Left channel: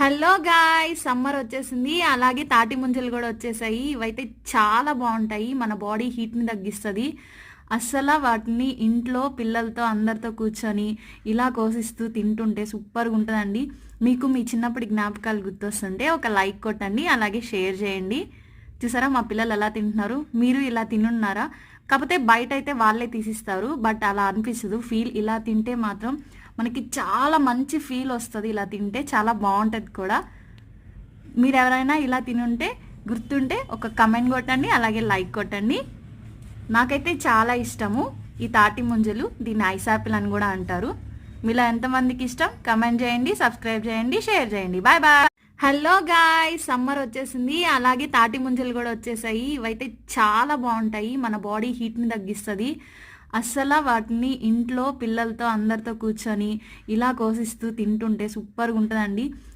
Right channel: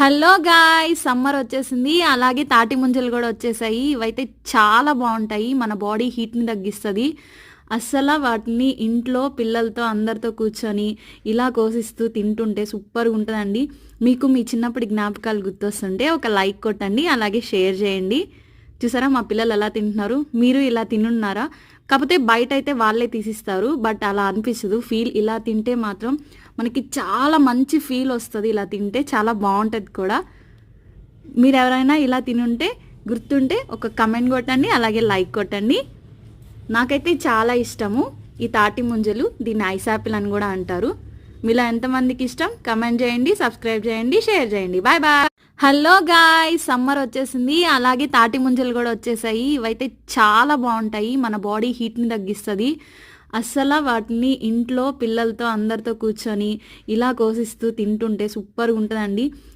Hello guys, summer వచ్చేసింది. అలాగే తాటి ముంజలు కూడా వచ్చేసాయి. ఇవైతే చాలా బాగుంటాయి, మన బాడీ హీట్ని తగ్గిస్తుంది. అస్సలు వాటిని ఇంట్లో పిల్లలతో అందరితో కూర్చొని ఇలా కోసిస్తూ తింటుంటే సూపర్గా ఉంటుందండి. మీకు మీ చిన్నప్పటి జ్ఞాపకాలు గుర్తొస్తుంటే ఒక లైక్ కొట్టండి, అలాగే షేర్ చేయండి. చూసారా మా పిల్లలు ఎలా తింటున్నారు? మీరు ఇలా తినున్నారా? కాకపోతే బయట అయితే వాళ్ళే తీసిస్తారు, బట్ అలా అనిపించదు. ఫీల్ ఇలా తింటే మాత్రం మనకి చాలా మంచి ఫీల్ వస్తుంది. ఇలా తింటే చాలా బాగుంటుంది కూడా. మీరు ఎవరైనా ఇలా తినుంటే గుర్తుంటే ఒక కమెంట్ కొట్టండి, అలాగే లైక్ కొట్టండి. నాకైతే చాలా ఇష్టము ఈ తాటి ముంజలు. దీన్ని ఐస్ యాపిల్ అని కూడా అంటారు. మీలో ఎంతమందికి ఇష్టం కమెంట్ చేయండి, సబ్స్క్రైబ్ చేయండి, షేర్ చేయండి. Bye bye. Hello guys, summer వచ్చేసింది. అలాగే తాటి ముంజలు కూడా వచ్చేసాయి. ఇవైతే చాలా బాగుంటాయి, మన బాడీ హీట్ని తగ్గిస్తుంది. అస్సలు వాటిని ఇంట్లో పిల్లలతో అందరితో కూర్చొని ఇలా కోసిస్తూ తింటుంటే సూపర్గా ఉంటుందండి.